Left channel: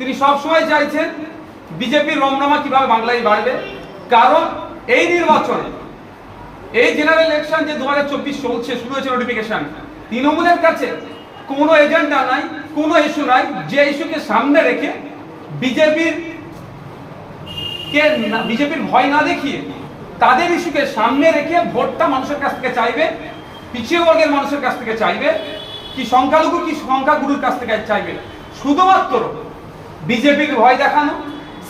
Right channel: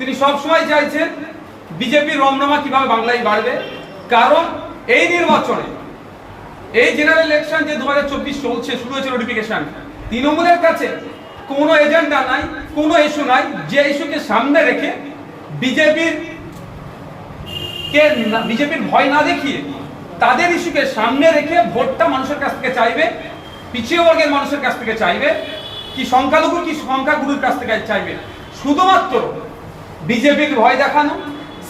তিনি সবসময় চাইছেন বিজেপির রমরমা কিভাবে বাংলায় বাড়বে। কারণ এই নির্বাচনে, এই জেনারেল ইলেকশন যে 2024 চলছে, শুরু হয়েছে নোটিফিকেশন, তৃণমূলের কাছে কোনো এজেন্ডা নাই, কোনো ইস্যু নাই যে ইস্যুকে সামনে রেখে বিজেপির ভয় না দেখিয়ে তাদের ইস্যুকে সামনে রেখে ভোটটা মানুষের কাছ থেকে চাইবে, পিছিয়ে বর্গের মানুষের কাছ থেকে চাইবে, কি সংখ্যালঘু কি সংখ্যাগুরুর কাছ থেকে চাইবে। শুধুমাত্র বিজেপির ভয় দেখানো,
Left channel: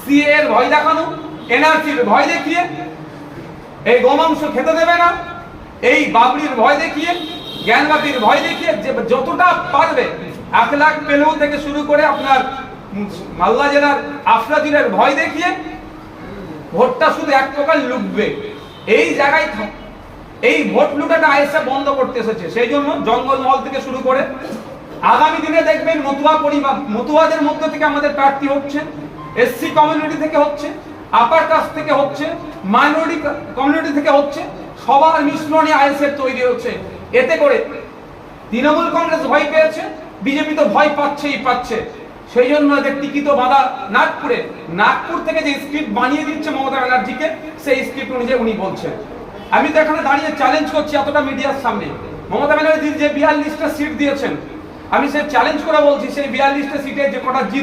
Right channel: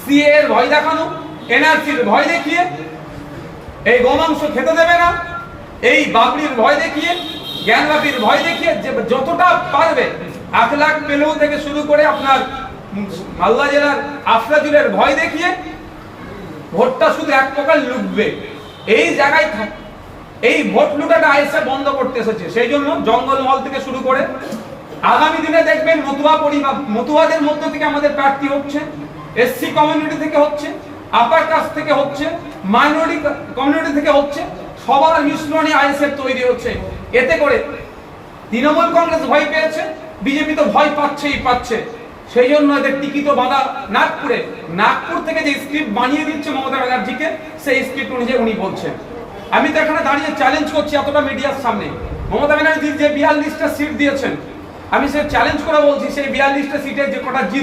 সিএ এর ভয় দেখানো, এনআরসির ভয় দেখিয়ে, এই গোমাংস খেতে দেবে না, এই বাবরির ভয় দেখিয়ে, জ্ঞানবাপীর ভয় দেখিয়ে যে যতটা পারবে 1 লাখ পেলেও থেকে শুরু করে আপনার হালদা জেলার আফরাজুলের ভয় দেখিয়ে ভোটটা শুধু এক প্রকার লুটবে। এই জায়গায় এই ভোট লুটাটা আইএসএফ বন্ধ করতে এসেছে। সেই জন্য জঙ্গলমহল থেকে শুরু করে আগামী দিনে দেখবেন মতুয়াদের মধ্য থেকে আমাদের প্রার্থী হচ্ছে, এসসি কমিউনিটি থেকে হচ্ছে, আপার কাস্ট থেকে হচ্ছে, মাইনরিটি কমিউনিটি থেকে হচ্ছে, সবার মিশ্রণে আইএসএফ তৈরি হচ্ছে। এতে করে তৃণমূল কংগ্রেস ভয় পেয়েছে, বিজেপি তো ভয় পাচ্ছে। সেই জন্য এদের টিকিট বাঁধা নাগপুর থেকে যে স্ক্রিপ্ট বানিয়ে দিচ্ছে মমতা ব্যানার্জিকে, সেই স্ক্রিপ্ট অনুযায়ী উনি বলছেন। আমি তো এখানে দাঁড়িয়ে চ্যালেঞ্জ করছি এতটা মিডিয়ার সামনে, মমতা ব্যানার্জি যে 42টা সিট দিয়েছেন, আমি সে চ্যালেঞ্জ করে বলছি সেই 42টা সিটে যে কটা জিত